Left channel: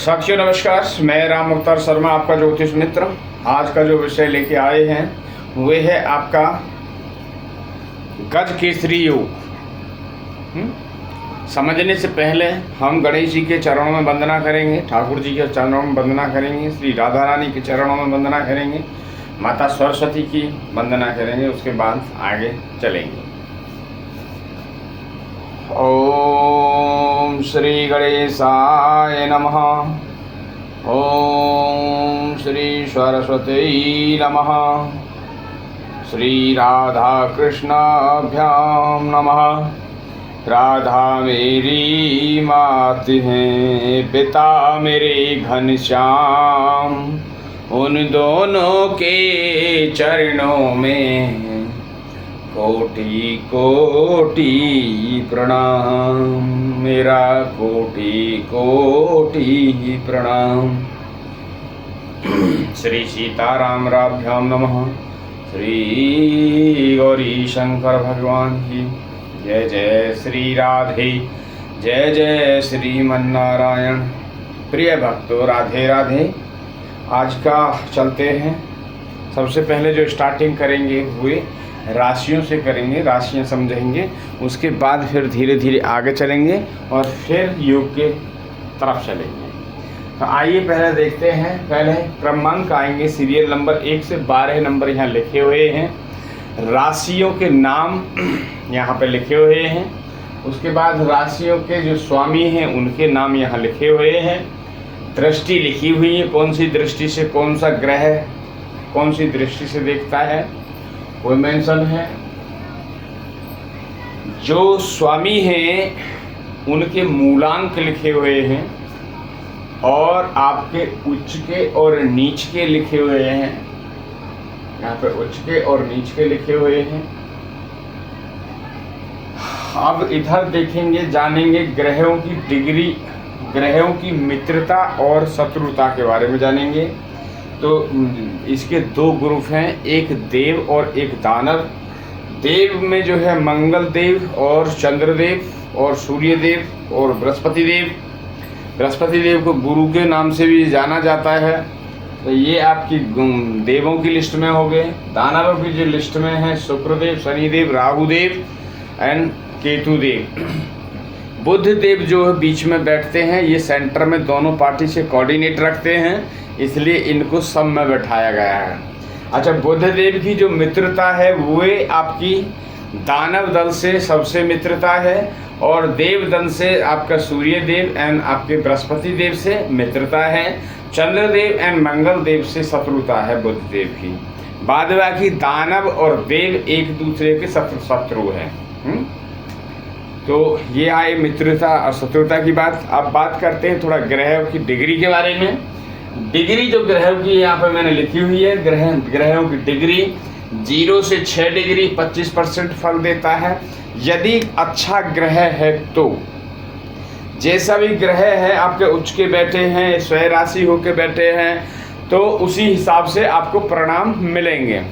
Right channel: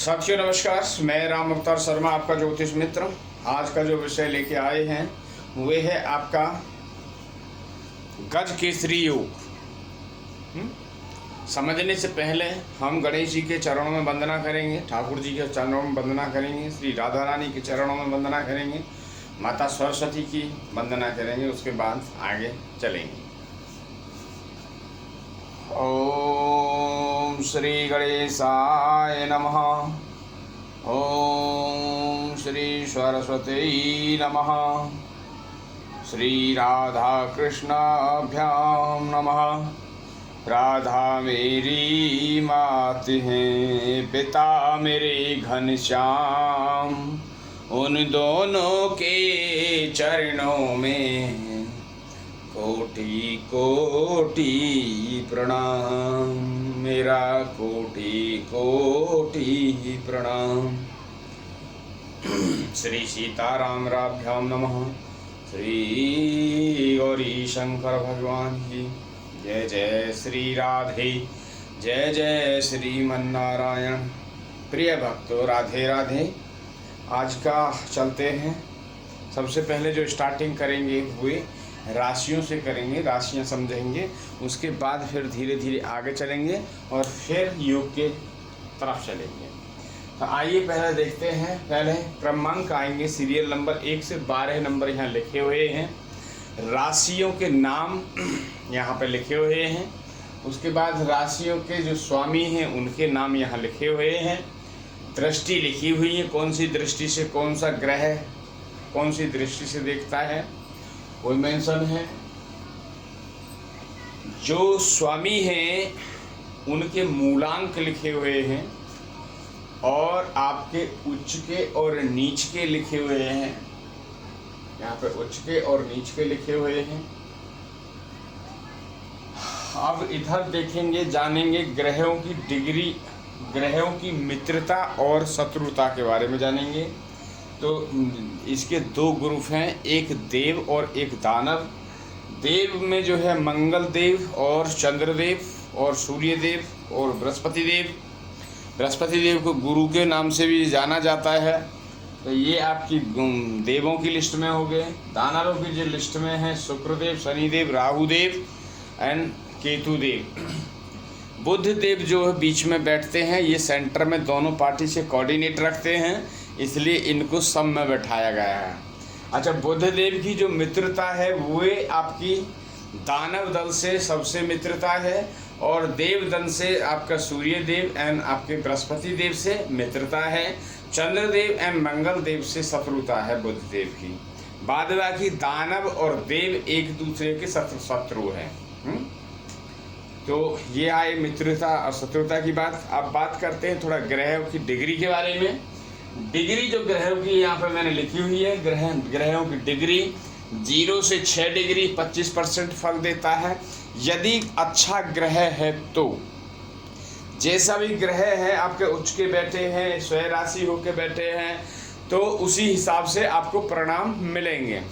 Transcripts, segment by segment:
साथियों नमस्कार, मैं राम अवतार शर्मा आपका ज्योतिष मित्र। आज का जो विषय लेके आए हैं वे है आपका गज केसरी योग। समझने से पहले हम गणेश जी के चरणों में वंदना करेंगे, ठाकुर जी के चरणों में वंदना करेंगे, श्री राधा रानी के चरणों में वंदना करेंगे, माता सरस्वती की वंदना करेंगे, उसके बाद आगे चलेंगे। ओम श्री गणेशाय नमः। ओम श्री सरस्वती नमः। श्री राधा कृष्णाभ्याम नमः। राधा मेरी मात हैं, पिता मेरे घनश्याम, उन दोनों के चरणों में कोटि कोटि प्रणाम, मेरा कोटि कोटि प्रणाम। श्री सीतारामराभ्याम नमः। श्री गौरी शंकर भगवान की जय। जय श्री राधे, जय जय श्रीमन्नारायण। प्रिय भक्तों, राधे राधे। आज का चलते हैं। सबसे पहले जो स्टार्टिंग करेंगे हुए राशियों से करेंगे, राशियां समझेंगे, उसके बाद फिर धीरे धीरे आगे चलेंगे और फिर योग के तरफ चलेंगे। तो आइए पहले देखते हैं। पहले क्रमांक आएंगे, सीरियल नंबर 1 से 12 नंबर यहाँ लिखे हुए हैं। राशियों के नाम यहाँ पे लिखे हुए हैं। उसके बाद राशियों के जो स्वामी हैं उनके नाम यहाँ लिखे हुए हैं। दृष्टि लिखी हुई है, कौन सी दृष्टि से कौन सा ग्रह कौन सी दृष्टि से देखता है वो मेंशन है। जो स्वामी हैं उनके मूलांक लिखे हुए हैं और आपके उच्च के और नीच के लिखे हुए हैं। यहाँ पे उच्च के और नीच के लिखे हुए हैं। अब इधर देखेंगे, जानेंगे ग्रहों की डिग्री, ग्रहों की मित्रता और शत्रुता के बारे में जानेंगे। तो इसके दो ग्रुप हैं, एक देव और एक दानव। देव में जो है मंगल देव और चंद्रदेव और सूर्य देव और बृहस्पति देव। बृहस्पति देव को गुरु के नाम से भी जाना जाता है। तो ये आपकी देवों की लिस्ट में हो गए। दानवों की जो लिस्ट में है शुक्रदेव, शनिदेव, राहुदेव एंड केतुदेव। बुध देव जो है बीच में बैठते हैं, ये सेंटर में दोनों पार्टी से कोऑर्डिनेट रखते हैं, इसलिए इनको सब में बैठाया गया है। अच्छा, बुध देव की जो मित्रता है वो आपकी दानव दल से सबसे मित्रता है और देव दल से आपका सूर्य देव एंड आपके बृहस्पति देव से मित्रता है। चंद्रदेव एंड मंगल देव से शत्रुता है बुध देव की। बाद बाकी दानव और देव एक दूसरे के शत्रु हैं। तो ये आए मित्रता और शत्रुता की बात। अब बात करते हैं थोड़ा ग्रहों की डिग्री के बारे में। डिग्री जो ग्रहों की यहाँ पर मैंने लिखी हुई है, ग्रहों की डिग्री 0 से 6 डिग्री 25% फल देता है। यदि अच्छा ग्रह है तो जैसा भी ग्रह है आपके उच्च के बैठे हैं, स्वय राशि होके बैठे हैं, तो उसी हिसाब से आपको परिणाम मिलेंगे।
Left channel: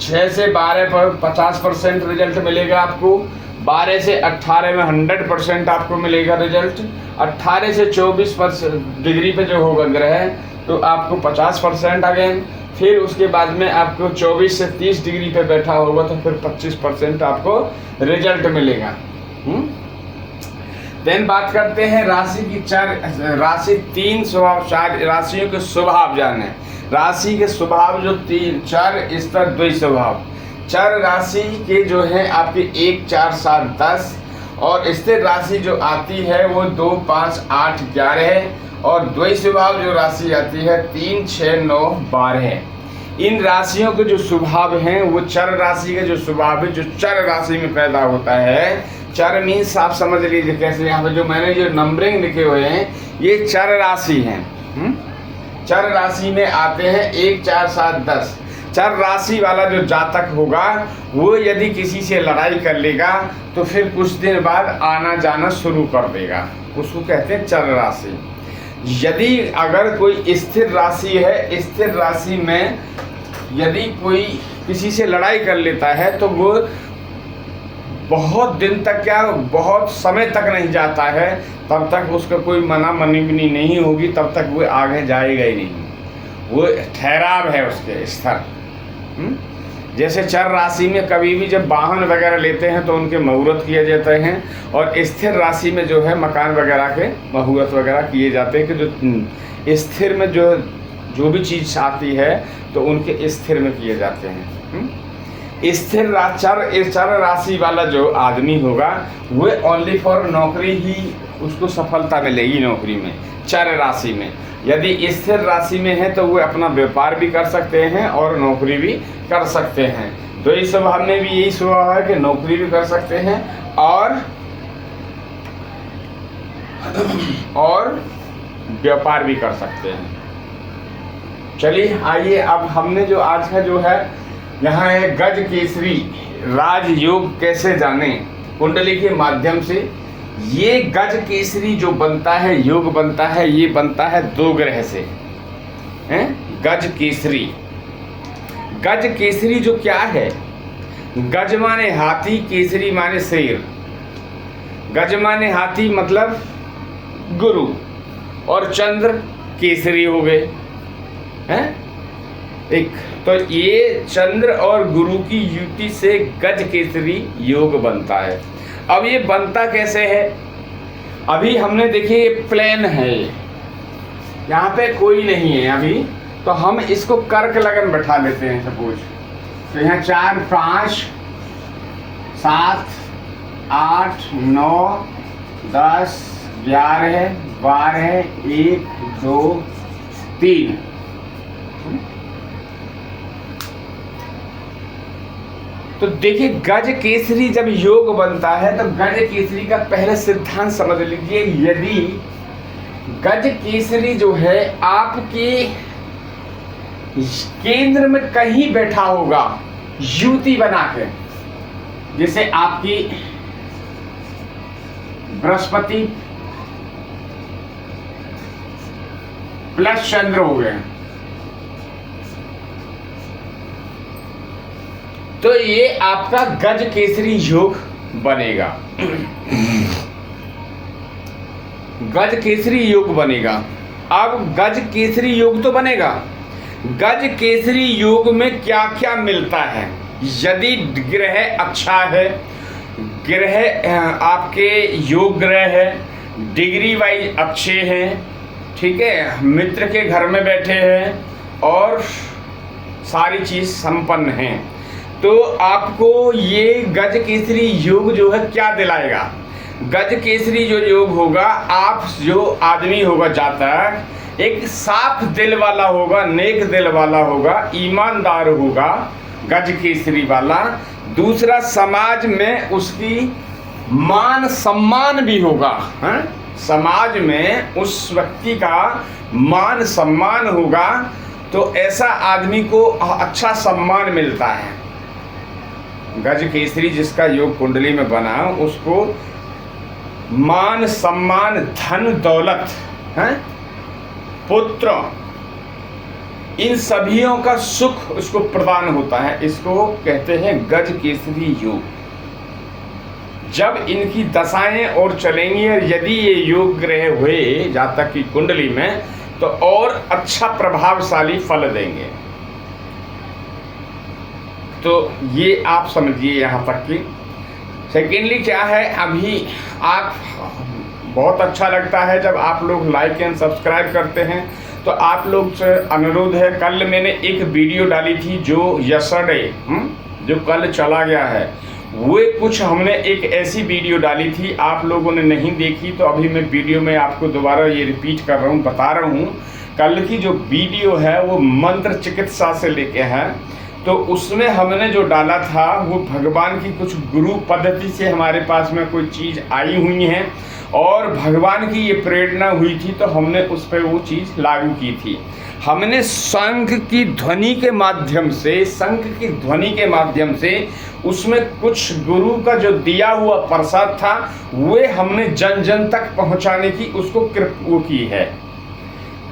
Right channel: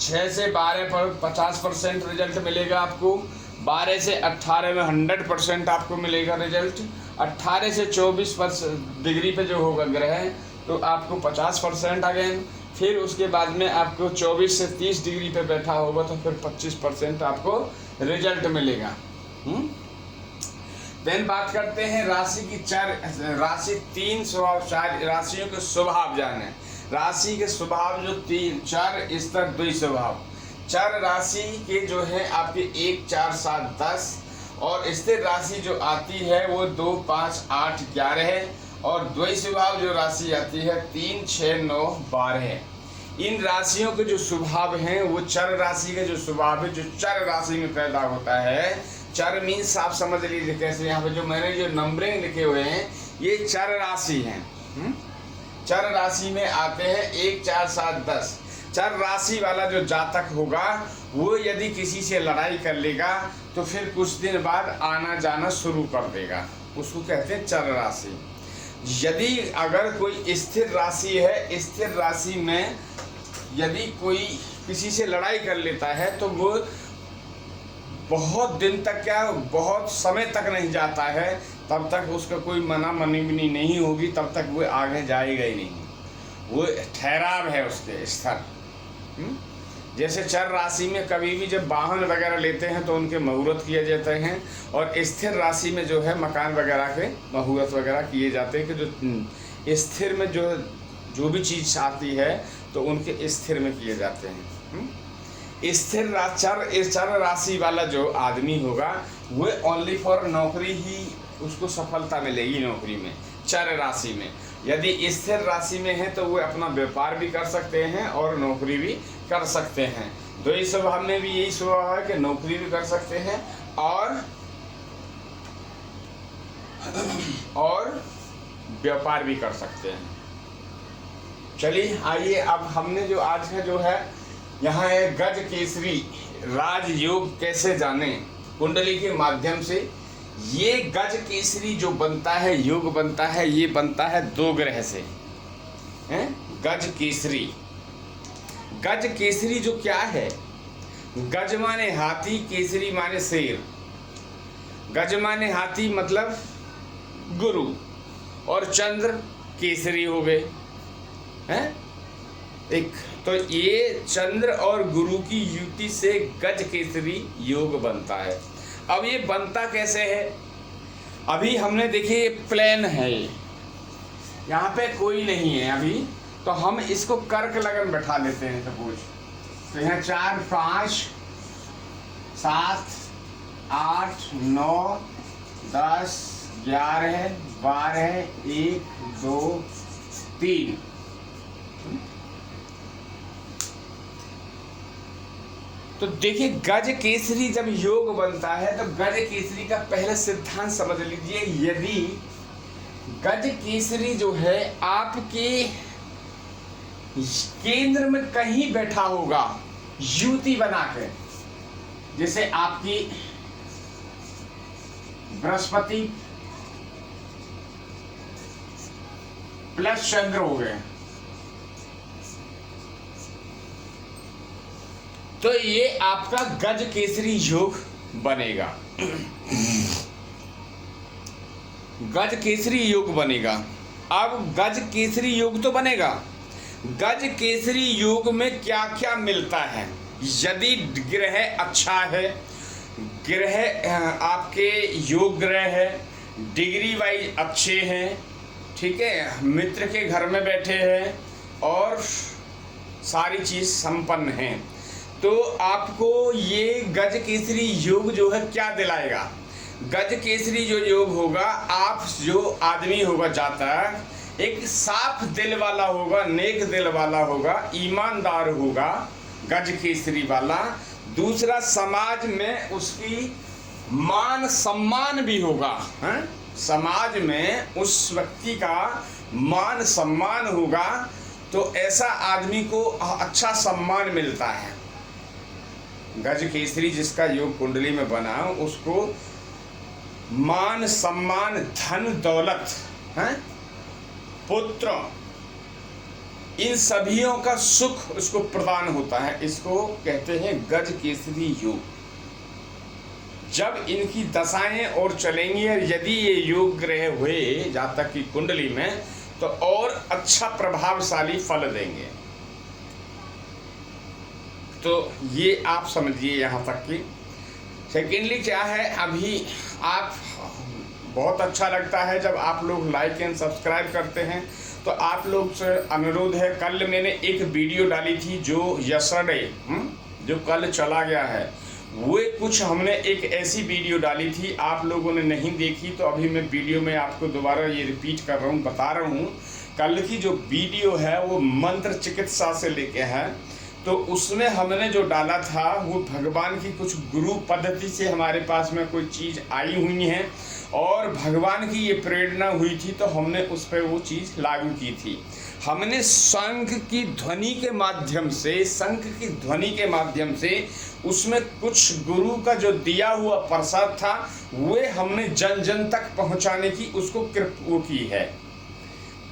6 से 12 पर 50% रिजल्ट मिलेगा आपको। 12 से 18 में 100% आपको मिलेगा रिजल्ट। 18 से 24 डिग्री पे जो होगा ग्रह तो आपको 50% अगेन। फिर उसके बाद में आपको 24 से 30 डिग्री पे बैठा होगा तो फिर 25% आपको रिजल्ट मिलेगा। देन बात करते हैं राशि की राशि 3 स्वभाव, 4 राशियों के स्वभाव जाने। राशि के स्वभाव जो 4 स्तर 2 स्वभाव। 4 राशि के जो है आपके 1, 4, 7, 10 और स्थिर राशि जो आती है वो 2, 5, 8, 11 है और द्वैत स्वभाव जो राशि आती है 3, 6, 9, 12 है। इन राशियों के जो स्वभाव हैं वो चर राशि के जो स्वभाव है जो चर राशि में पैदा होता है। चर मीन्स आप समझ लीजिए कैसे, यहाँ पे जो मैंने जो नंबरिंग लिखे हुए हैं ये चर राशि हैं। चर राशि में आते हैं 1, 4, 7, 10। चर राशि वाला जो जातक होगा वो यदि किसी से लड़ाई कर लेगा तो फिर कुछ दिन बाद आना जाना शुरू कर देगा, उसको कहते हैं चर राशि। यदि अगर कोई स्थिर राशि है, स्थिर राशि में यदि कोई किसी से लड़ाई कर लेता है तो वो बहुत दिन तक, क्या बहुत समय तक नहीं जाता है तब तक उसका कोई मना मनीबनी नहीं होगी, तब तक वो आगे जाएगा ही नहीं, वो ठहराव है उसके स्तर। जैसे चर राशि में कभी भी जब वाहन वगैरह लेते हैं तो उनके मुहूर्त किए जाते हैं, और स्थिर राशि में जो है मकान वगैरह के मुहूर्त वगैरह किए जाते हैं कि जो स्थिर में जो भी चीज़ आती है तो उनके स्थिर में किए जाते हैं। स्थिर चर राशि वाला जो आदमी होगा वो ओनली फॉर नौकरी ही उसको सफलता मिलेगी नौकरी में, चर राशि में। यदि स्थिर राशि में है तो वो अपना व्यापार भी कर सकते हैं और नौकरी भी कर सकते हैं। द्वैत स्वभाव में भी यही स्वभाव है कि नौकरी भी कर सकते हैं और व्यापार भी कर सकते हैं। चलिए आइए, अब हमने जो आज का जो है यहाँ है गज केसरी राजयोग कैसे जाने कुंडली के माध्यम से। ये गज केसरी जो बनता है, योग बनता है, ये बनता है 2 ग्रह से, हैं? गज केसरी जो क्या है, गज माने हाथी, केसरी माने शेर। गज माने हाथी मतलब गुरु, और चंद्र केसरी हो गए, हैं? एक तो ये चंद्र और गुरु की युति से गज केसरी योग बनता है। अब ये बनता कैसे है, अभी हमने देखिए ये प्लेन है, यहाँ पे कोई नहीं है अभी, तो हम इसको कर्क लगन बैठा लेते हैं सपोज। तो यहाँ 4 5 7 8 9 10 11 12 1 2 3। तो देखिए गज केसरी जब योग बनता है तो गज केसरी का पहले सिद्धांत समझ लीजिए। यदि गज केसरी जो है आपके केंद्र में कहीं बैठा होगा युति बना के, जैसे आपकी बृहस्पति प्लस चंद्र हो गए, तो ये आपका गज केसरी योग बनेगा। गज केसरी योग बनेगा। अब गज केसरी योग तो बनेगा, गज केसरी योग में क्या क्या मिलता है। यदि ग्रह अच्छा है, ग्रह आपके योग ग्रह है, डिग्री वाइज अच्छे हैं, ठीक है, मित्र के घर में बैठे हैं और सारी चीज संपन्न हैं, तो आपको ये गज केसरी योग जो है क्या दिलाएगा। गज केसरी जो योग होगा, आप जो आदमी होगा जातक एक साफ दिल वाला होगा, नेक दिल वाला होगा, ईमानदार होगा, गज केसरी वाला। दूसरा, समाज में उसकी मान सम्मान भी होगा, है? समाज में उस व्यक्ति का मान सम्मान होगा, तो ऐसा आदमी को अच्छा सम्मान मिलता है। गज केसरी जिसका योग कुंडली में बना, उसको मान सम्मान, धन दौलत, है? पुत्र, इन सभियों का सुख उसको प्रदान होता है। इसको कहते हैं गज केसरी योग। जब इनकी दशाएं और चलेंगी और यदि ये योग ग्रह हुए जातक की कुंडली में, तो और अच्छा प्रभावशाली फल देंगे। तो ये आप समझिए यहाँ तक की। सेकेंडली क्या है, अभी आप बहुत अच्छा लगता है जब आप लोग लाइक एंड सब्सक्राइब करते हैं, तो आप लोग से अनुरोध है, कल मैंने एक वीडियो डाली थी जो यस्टरडे, जो कल चला गया है, वो कुछ हमने एक ऐसी वीडियो डाली थी, आप लोगों ने नहीं देखी, तो अभी मैं वीडियो में आपको दोबारा ये रिपीट कर रहा हूँ, बता रहा हूँ। कल की जो वीडियो है वो मंत्र चिकित्सा से लेके है, तो उसमें हमने जो डाला था वो भगवान की कुछ गुरु पद्धति से हमारे पास में कोई चीज़ आई हुई है और भगवान की ये प्रेरणा हुई थी, तो हमने उस पर वो चीज़ लागू की थी। हमने शंख की ध्वनि के माध्यम से उसमें कुछ गुरु का जो दिया हुआ प्रसाद था वो हमने जन जन तक पहुंचाने की उसको वो की है,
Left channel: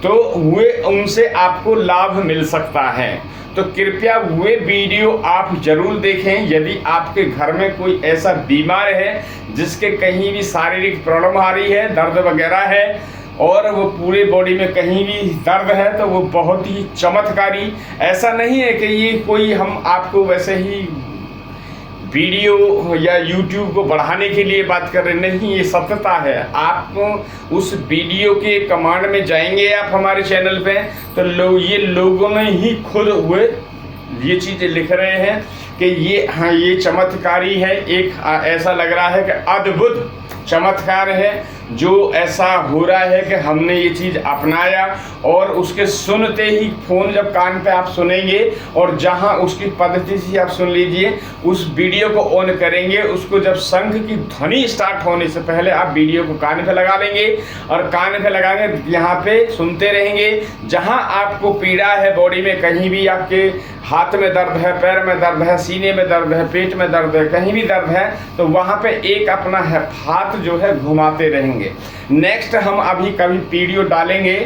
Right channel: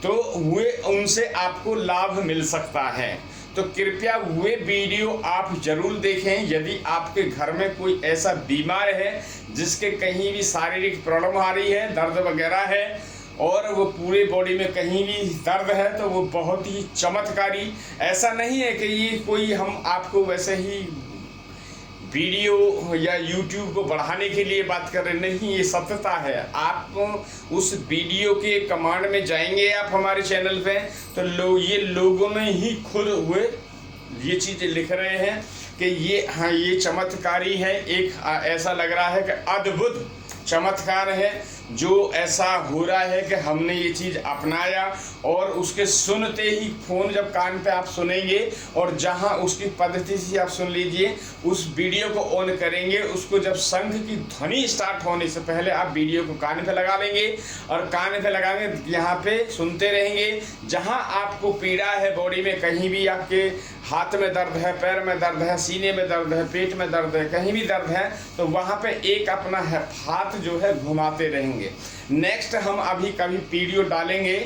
तो वे उनसे आपको लाभ मिल सकता है। तो कृपया वे वीडियो आप जरूर देखें। यदि आपके घर में कोई ऐसा बीमार है जिसके कहीं भी शारीरिक प्रॉब्लम आ रही है, दर्द वगैरह है, और वो पूरे बॉडी में कहीं भी दर्द है, तो वो बहुत ही चमत्कारी। ऐसा नहीं है कि ये कोई हम आपको वैसे ही वीडियो या यूट्यूब को बढ़ाने के लिए बात कर रहे, नहीं, ये सत्यता है। आप उस वीडियो के कमांड में जाएंगे आप हमारे चैनल पे, तो ये लोगों ने ही खुद हुए ये चीज़ें लिख रहे हैं कि ये, हाँ, ये चमत्कारी है, एक ऐसा लग रहा है कि अद्भुत चमत्कार है जो ऐसा हो रहा है कि हमने ये चीज़ अपनाया। और उसके सुनते ही फ़ोन जब कान पे आप सुनेंगे, और जहां उसकी पद्धति से आप सुन लीजिए, उस वीडियो को ऑन करेंगे, उसको जब शंख की ध्वनि स्टार्ट होने से पहले आप वीडियो को कान पे लगा लेंगे, और कान पे लगाएंगे, यहाँ पे सुनते रहेंगे। जहां आपको पीड़ा है बॉडी में, कहीं भी आपके हाथ में दर्द है, पैर में दर्द है, सीने में दर्द है, पेट में दर्द है, कहीं भी दर्द है, तो वहाँ पे एक अपना हाथ जो है घुमाते रहेंगे। नेक्स्ट हम अभी कभी वीडियो डालेंगे,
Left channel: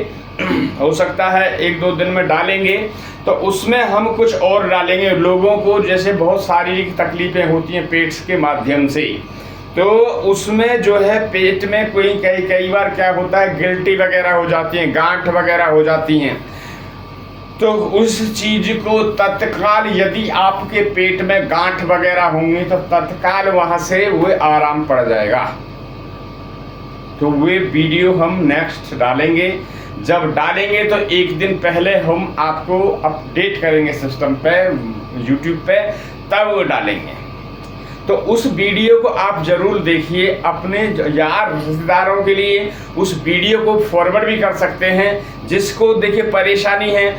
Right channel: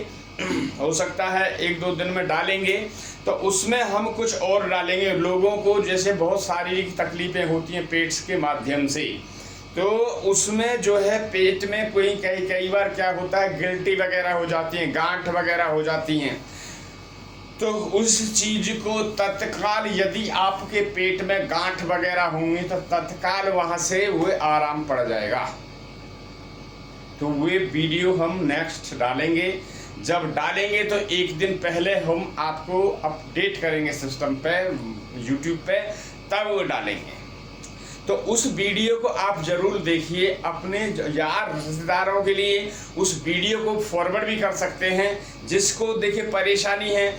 हो सकता है 1-2 दिन में डालेंगे, तो उसमें हम कुछ और डालेंगे। लोगों को जैसे बहुत शारीरिक तकलीफें होती हैं पेट्स के माध्यम से, तो उसमें जो है पेट में कोई कई बार क्या होता है, गिल्टी वगैरह हो जाती हैं, गांठ वगैरह हो जाती हैं, तो उस चीज को तत्काल, यदि आपके पेट में गांठ वगैरह होंगे तो तत्काल वहां से वो आराम पड़ जाएगा। तो वे वीडियो हम नेक्स्ट डालेंगे। जब डालेंगे तो एक दिन पहले हम आपको अपडेट करेंगे सिस्टम पे, यूट्यूब पे, तब वो डालेंगे। तो उस वीडियो को आप जरूर देखिए, अपने यार रिश्तेदारों के लिए उस वीडियो को फॉरवर्ड भी कर सकते हैं। जिसको देखिए परेशानी है,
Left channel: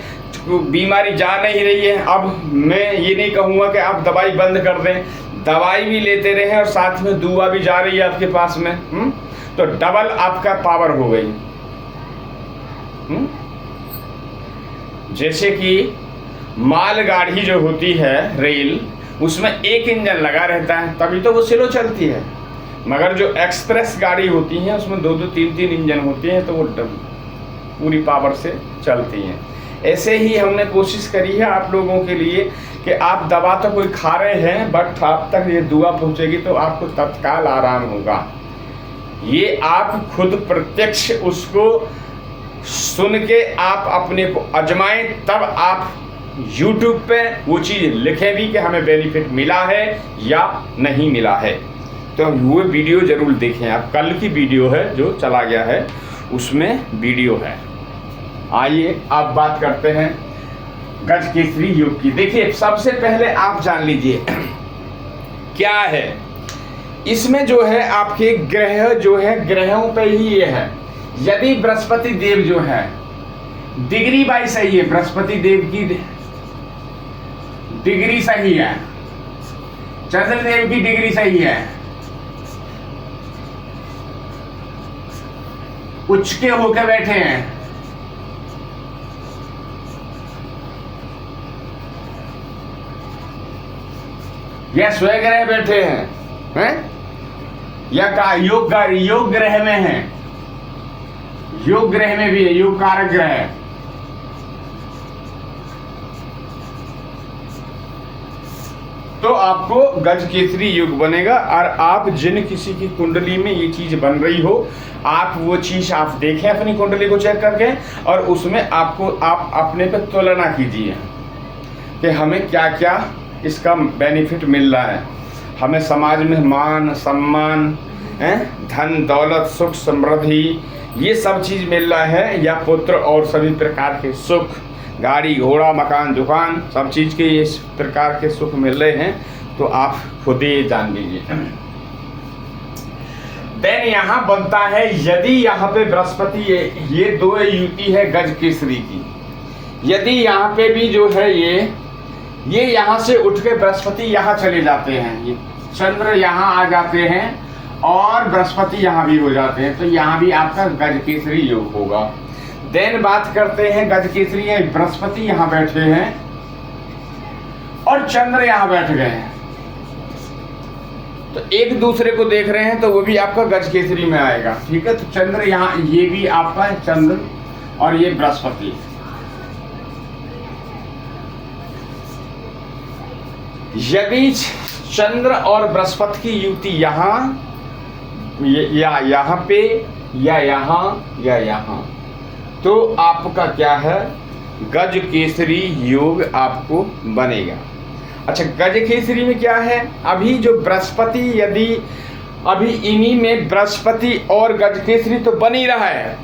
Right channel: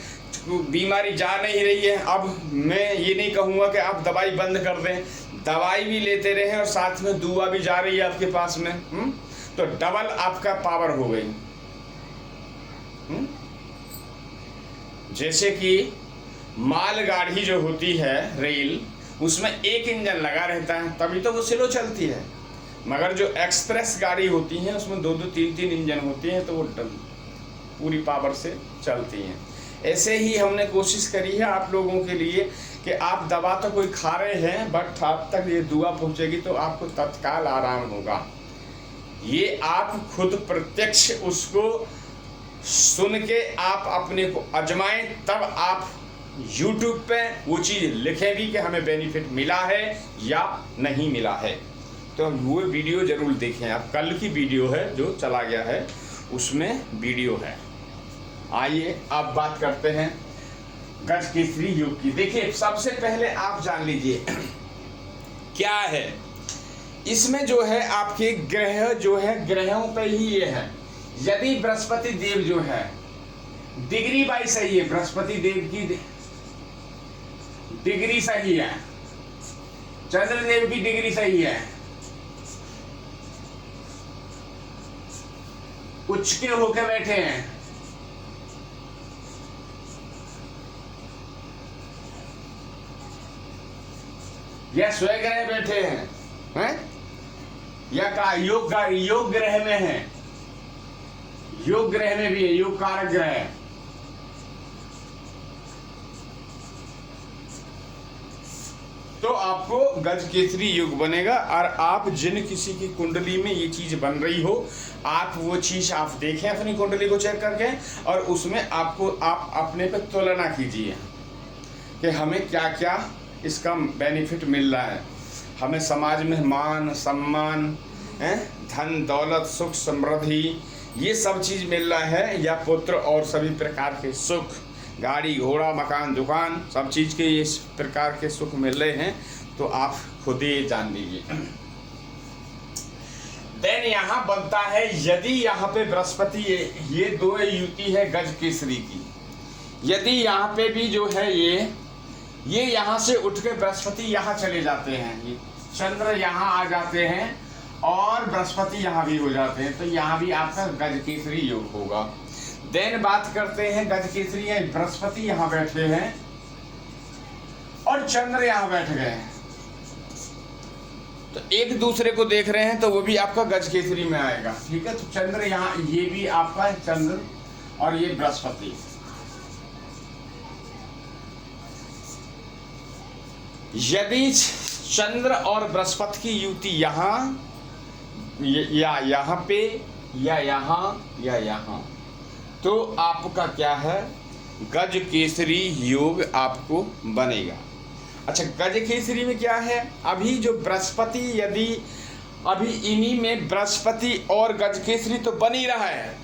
बीमारी जा नहीं रही है, अब मैं ये नहीं कहूँगा कि आप दवाई बंद कर दें, दवाई भी लेते रहें और साथ में दुआ भी जा रही है आपके पास में, तो डबल आपका पावर हो गई। जैसे कि मालगाड़ी जो होती है रेल, उसमें एक इंजन लगा रहता है, तभी तो वो स्लो चलती है। मगर जो एक्सप्रेस गाड़ी होती है उसमें 2-2, 3-3 इंजन होते हैं, तो वो पूरी पावर से चलती हैं। ऐसे ही हमने कोशिश करी है आप लोगों के लिए कि आप दवा तो कोई खा रहे हैं, बट आप तक ये दुआ पहुंचेगी तो आपको तत्काल आराम होगा। ये आप खुद प्रत्यक्ष उसको सुन के आप अपने को आजमाएं, तब आप YouTube पे वो चीज़ लिखें भी कि हमें बेनिफिट मिला है या नहीं मिला है। तो वो वीडियो जरूर देखें आप। कल की वीडियो है जो चला गया है, उसमें वीडियो है। आइए अब बात करते हैं गजकेसरी योग की। देखिए, सबसे पहले आप जान लीजिए क्या है इसमें। जो है आपके ग्रह जो है, ग्रहों पे ही ये है। यदि बृहस्पति देव जो है डिग्री बाई सही है, बृहस्पति देव की डिग्री सही है, चंद्रदेव की डिग्री सही है, उच्च के होकर बैठे हैं, या स्वग्रह बैठे हैं, या का योग ग्रह में है, योग ग्रह में भी है, योग कारक ग्रह है, तो आपको गजकेसरी योग बनेगा। और आप जिन किसी की कुंडली में ये चीज बन रही हो, आप वो चीज आप देखें अपनी कुंडली को चेक करके, और उसमें आपको आप अपने पे तुलना कीजिए कि हमें क्या क्या इसका बेनिफिट मिल रहा है। हमें समाज में मान सम्मान, धन दौलत, सुख समृद्धि, ये सब चीज़ मिल रहा है, या पुत्र और सभी प्रकार के सुख, गाड़ी घोड़ा मकान दुकान, सब चीज़ के इस प्रकार के सुख मिल रहे हैं, तो आप खुद ही जान लीजिए। देन यहाँ बनता है, यदि यहाँ पे बृहस्पति ये 2 युति है गजकेसरी की, यदि यहाँ पे भी जो है ये यहाँ से उठ के बृहस्पति यहाँ चले जाते हैं, ये चंद्र यहाँ आ जाते हैं और बृहस्पति यहाँ भी हो जाते हैं, तो यहाँ भी आपका गजकेसरी योग होगा। देन बात करते हैं गजकेसरी है, बृहस्पति यहाँ बैठे हैं और चंद्र यहाँ बैठ गए हैं, तो एक दूसरे को देख रहे हैं, तो वो भी आपका गजकेसरी में आएगा। ठीक है, तो चंद्र यहाँ, ये भी आपका है चंद्र और ये बृहस्पति। यदि चंद्र और बृहस्पति की युति यहाँ या यहाँ पे या यहाँ, तो आपका क्या है, गज केसरी योग आपको बनेगा। अच्छा, गज केसरी में क्या है, अभी जो बृहस्पति, यदि अभी इन्हीं में बृहस्पति और गज केसरी तो बन ही रहा है,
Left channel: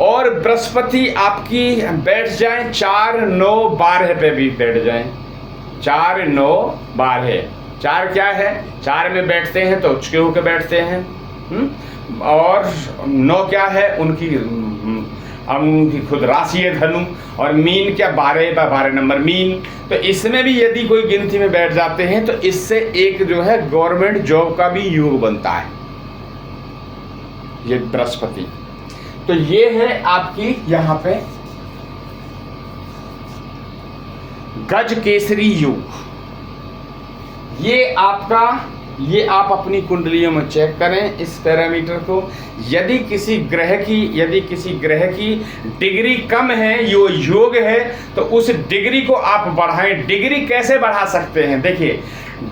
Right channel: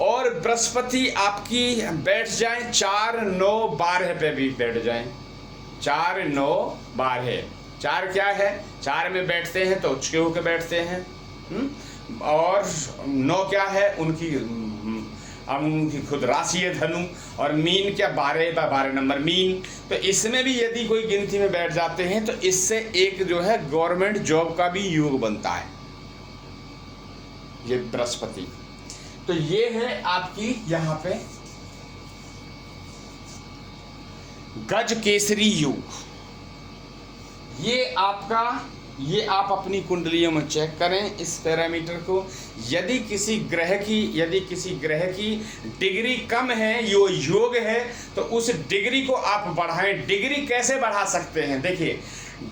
और बृहस्पति आपकी बैठ जाए 4, 9, 12 पे भी बैठ जाए, 4, 9, 12, 4 क्या है, 4 में बैठते हैं तो उच्च के बैठते हैं, और 9 क्या है, उनकी खुद राशि है धनु, और मीन क्या 12 नंबर मीन, तो इसमें भी यदि कोई गिनती में बैठ जाते हैं तो इससे एक जो है गवर्नमेंट जॉब का भी योग बनता है, ये बृहस्पति। तो ये है आपकी यहाँ पे गज केसरी योग। ये आप अपनी कुंडलियों में चेक करें इस पैरामीटर को। यदि किसी ग्रह की डिग्री कम है, यो योग है, तो उस डिग्री को आप बढ़ाएं। डिग्री कैसे बढ़ा सकते हैं, देखिए,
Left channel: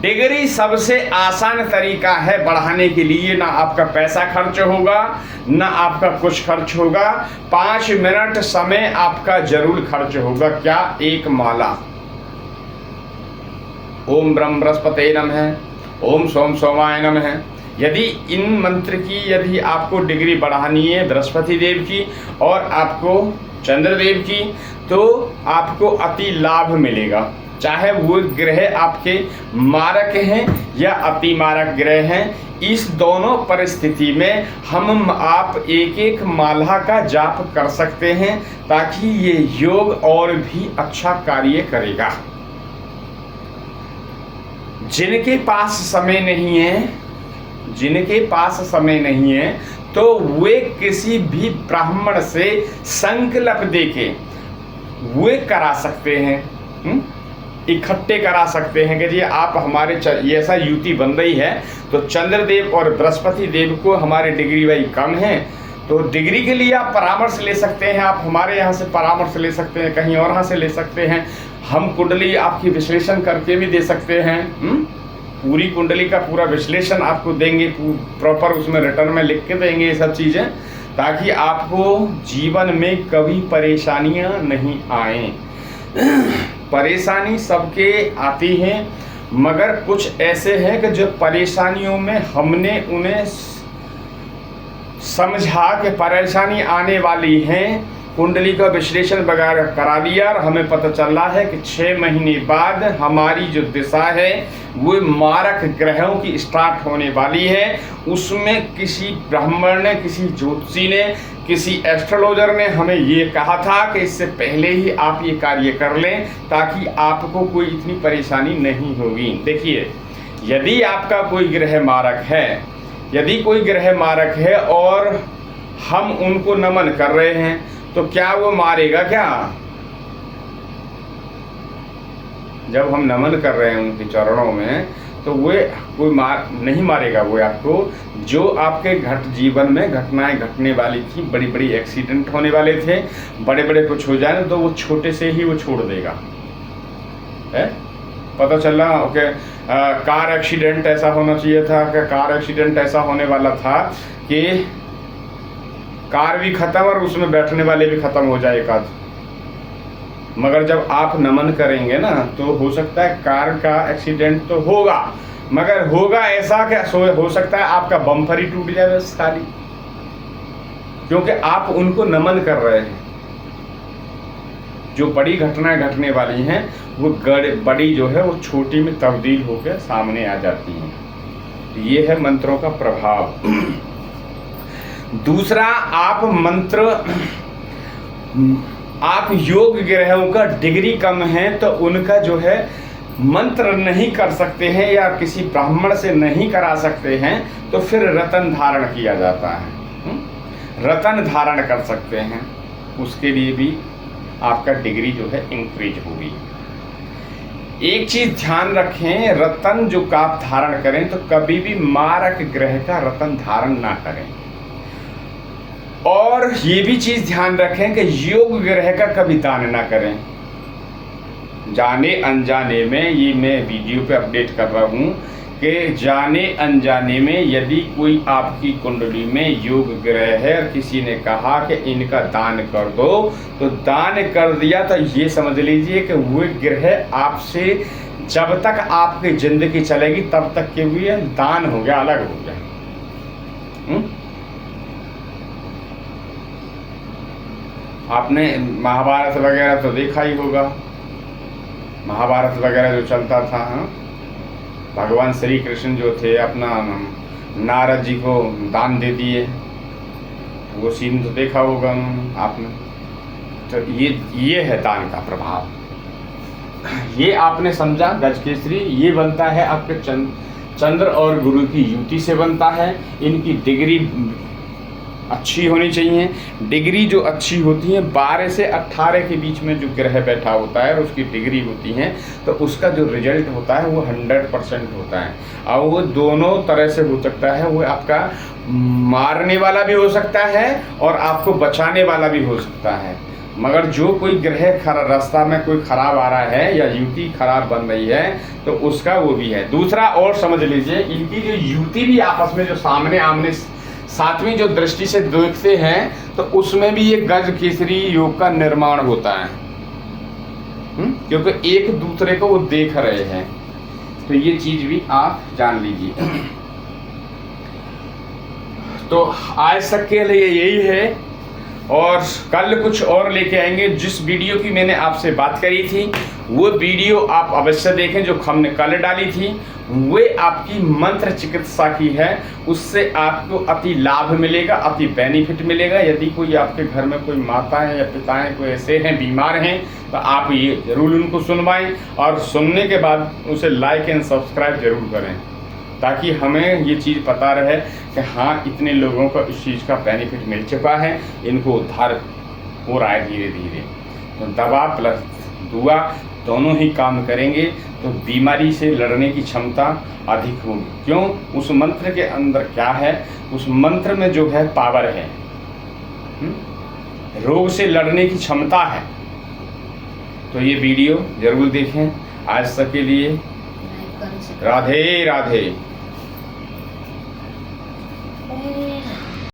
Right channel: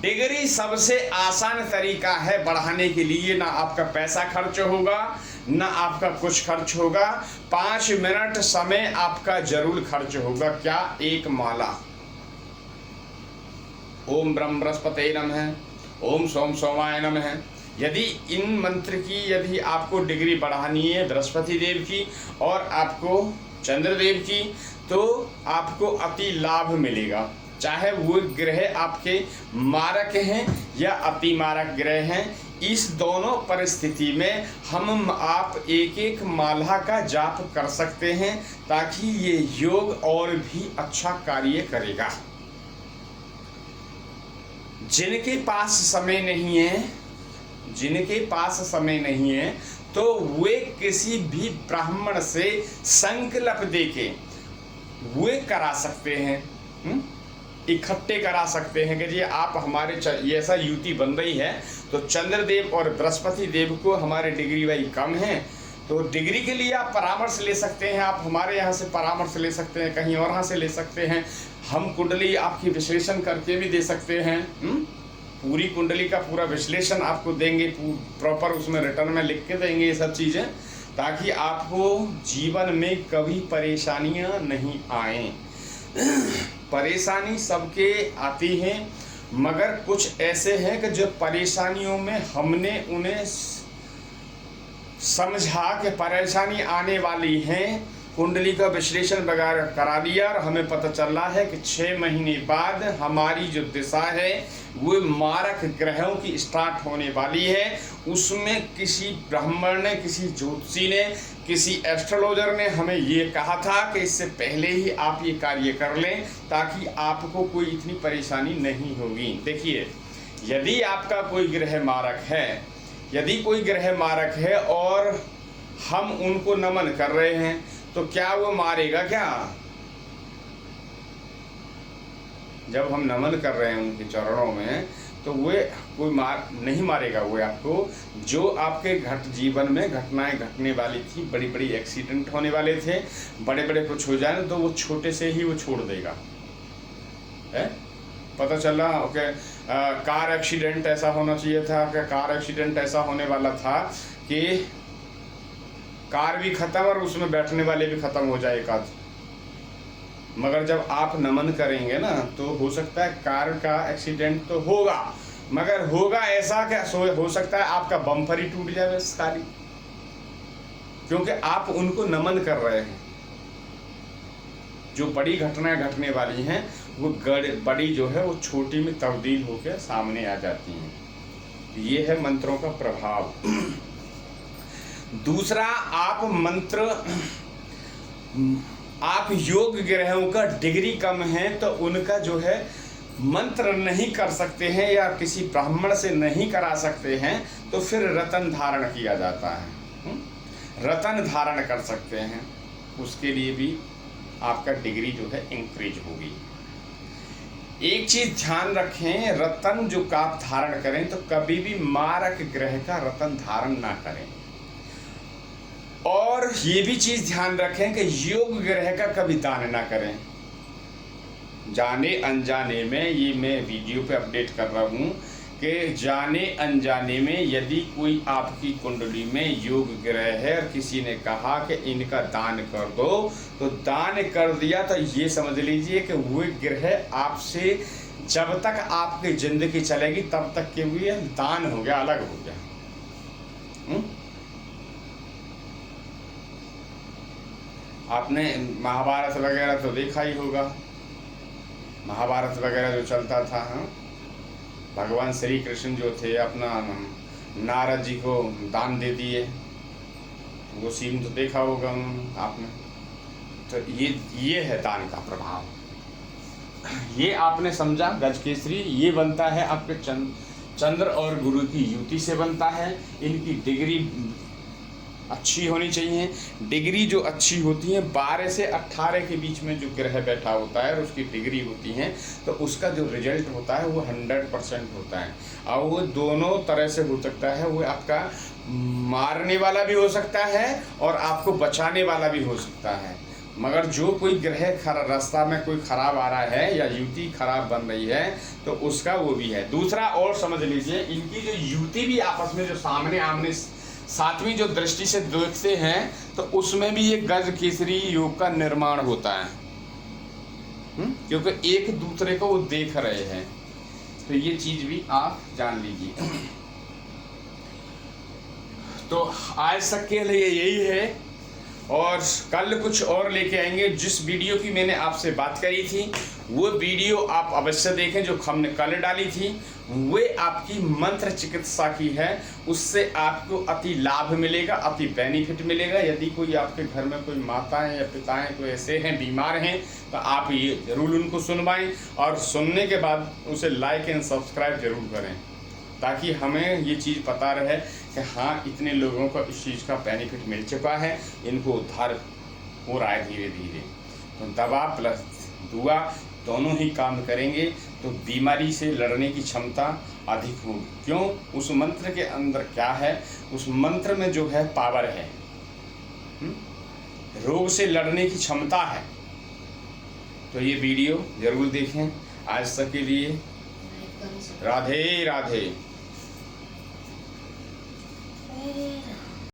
डिग्री सबसे आसान तरीका है बढ़ाने के लिए, ना आपका पैसा खर्च होगा, ना आपका कुछ खर्च होगा, 5 मिनट समय आपका जरूर खर्च होगा। क्या, एक माला ओम ब्रह्म बृहस्पते नमः, ओम सोम सोमाय नमः। यदि इन मंत्र की यदि आपको डिग्री बढ़ानी है बृहस्पति देव की और आपको चंद्रदेव की, तो आपको अति लाभ मिलेगा। चाहे वो ग्रह आपके मारक हैं या अति मारक ग्रह हैं, इस दोनों परिस्थिति में हम आप एक एक माला का जाप कर सकते हैं, ताकि ये योग और भी अच्छा कार्य करेगा। जिनके पास समय नहीं है, तो वे किसी भी ब्राह्मण से संकल्प देके वे करा सकते हैं, इकट्ठे करा सकते हैं कि जी आप हमारे ऐसा युति बन रही है, तो चंद्रदेव और बृहस्पति देव को हमारी डिग्री भाई कम है, तो डिग्री के लिए आप परामर्श ले सकते हैं। आप हमारे यहाँ से परामर्श ले सकते हैं, कहीं और यहाँ से ले सकते हैं। हम कुंडली आपकी विश्लेषण करके भी दे सकते हैं, पूरी कुंडली का पूरा विश्लेषण आपको देंगे, प्रॉपर उसमें रिटर्न में लिख के देंगे ये सब चीज़ें, ताकि आपको जीवन में कभी परेशानियां नहीं आए। परेशानी सबके आती हैं, मगर कुछ ऐसे हैं कि जो परेशानियों में हमने उन्हें समझा कि परेशानी आने वाली हैं, कुंडली का विश्लेषण वगैरह करा दिया, और हमें पता चल रहा है कि 6 महीने बाद हमारी जो दिशा है वो मारक ग्रहों की स्टार्ट होने वाली है। उसमें किसी ब्राह्मण ने, किसी ज्योतिषी ने, किसी एस्ट्रोलॉजर ने हमें ये कहा था कि इससे पहले ही आप ये कार्य कर लें, ताकि आपको कोई इतनी परेशानी नहीं होगी। देखिए, यदि आपका कोई ग्रह मारक है और हम उनको नमन कर रहे हैं, तो क्या वो मारेगा क्या? जब हम नमन कर रहे हैं उनके चरणों में, तो वे कोई नहीं मारेगा। वो आपको, जो आपके जीवन में घटनाएं घटने वाली थी, बड़ी बड़ी एक्सीडेंट होने वाले थे, बड़े बड़े कुछ हो जाए, तो वो छोटे से ही वो छोड़ देगा। है पता चल रहा ओके। कार एक्सीडेंट ऐसा होना चाहिए था कि कार एक्सीडेंट ऐसा होने वाला था कि कार भी खत्म और उसमें बैठने वाले भी खत्म हो जाए एक आध। मगर जब आप नमन करेंगे ना, तो हो सकता है कार का एक्सीडेंट तो होगा, मगर होगा ऐसा कि हो सकता है आपका बम्पर ही टूट जाए बस खाली, क्योंकि आप उनको नमन कर रहे हैं। जो बड़ी घटनाएं घटने वाली हैं, वो बड़ी जो है वो छोटी में तब्दील होकर सामने आ जाती हैं। ये है मंत्रों का प्रभाव। दूसरा, आप योग ग्रहों का डिग्री कम है, तो उनका जो है मंत्र नहीं कर सकते हैं या किसी ब्राह्मण से नहीं करा सकते हैं, तो फिर रतन धारण किया जाता है। रतन धारण कर सकते हैं, उसके लिए भी आपका डिग्री जो है इंक्रीज होगी। एक चीज ध्यान रखें, रतन जो आप धारण करें तो कभी भी मारक ग्रह का रतन धारण ना करें। और ये भी चीज ध्यान रखें कि योग ग्रह का कभी दान ना करें। जाने अनजाने में ये मैं वीडियो पे अपडेट कर रहा हूँ के जाने अनजाने में यदि कोई आपकी कुंडली में योग ग्रह है और किसी ने कहा कि इनका दान कर दो, तो दान कर दिया तो ये समझ लीजिए कि वो ग्रह आपसे जब तक आपकी जिंदगी चलेगी तब तक के लिए दान हो गया, अलग हो गया। आपने महाभारत वगैरह तो देखा ही होगा, महाभारत वगैरह जो चलता था। हाँ, भगवान श्री कृष्ण जो थे अपना नारद जी को दान दे दिए, वो सीन तो देखा होगा आपने। तो ये है दान का प्रभाव। ये आपने समझा। गजकेसरी ये बनता है आपके चंद्र और गुरु की युति से बनता है। इनकी डिग्री अच्छी होनी चाहिए। डिग्री जो अच्छी होती है 12 से 18 के बीच में जो ग्रह बैठा होता है और उसकी डिग्री होती है, तो उसका जो रिजल्ट होता है वो 100% होता है। और वो दोनों तरह से हो सकता है, वो आपका मारने वाला भी हो सकता है और आपको बचाने वाला भी हो सकता है। मगर जो कोई ग्रह रास्ता में कोई खराब आ रहा है या युति खराब बन रही है तो उसका वो भी है। दूसरा और समझ लीजिए, इनकी जो युति भी आपस में जो सामने आमने सातवीं जो दृष्टि से देखते हैं तो उसमें भी एक गजकेसरी योग का निर्माण होता है, क्योंकि एक दूसरे को वो देख रहे हैं। तो ये चीज भी आप जान लीजिए। तो आज तक के लिए यही है, और कल कुछ और लेके आएंगे। जिस वीडियो की मैंने आपसे बात करी थी वो वीडियो आप अवश्य देखें, जो हमने कल डाली थी वे आपकी मंत्र चिकित्सा की है। उससे आपको अति लाभ मिलेगा, अति बेनिफिट मिलेगा। यदि कोई आपके घर में कोई माताएं या पिताएं कोई ऐसे हैं बीमार हैं तो आप ये जरूर उनको सुनवाएं, और सुनने के बाद उसे लाइक एंड सब्सक्राइब जरूर करें, ताकि हमें ये चीज़ पता रहे कि हाँ इतने लोगों को इस चीज़ का बेनिफिट मिल चुका है, इनको उद्धार हो रहा है धीरे धीरे। तो दवा प्लस दुआ दोनों ही काम करेंगे तो बीमारी से लड़ने की क्षमता अधिक होगी। क्यों? उस मंत्र के अंदर क्या है, उस मंत्र में जो है पावर है, रोग से लड़ने की क्षमता है। तो ये वीडियो जरूर देखें। आज तक के लिए राधे राधे।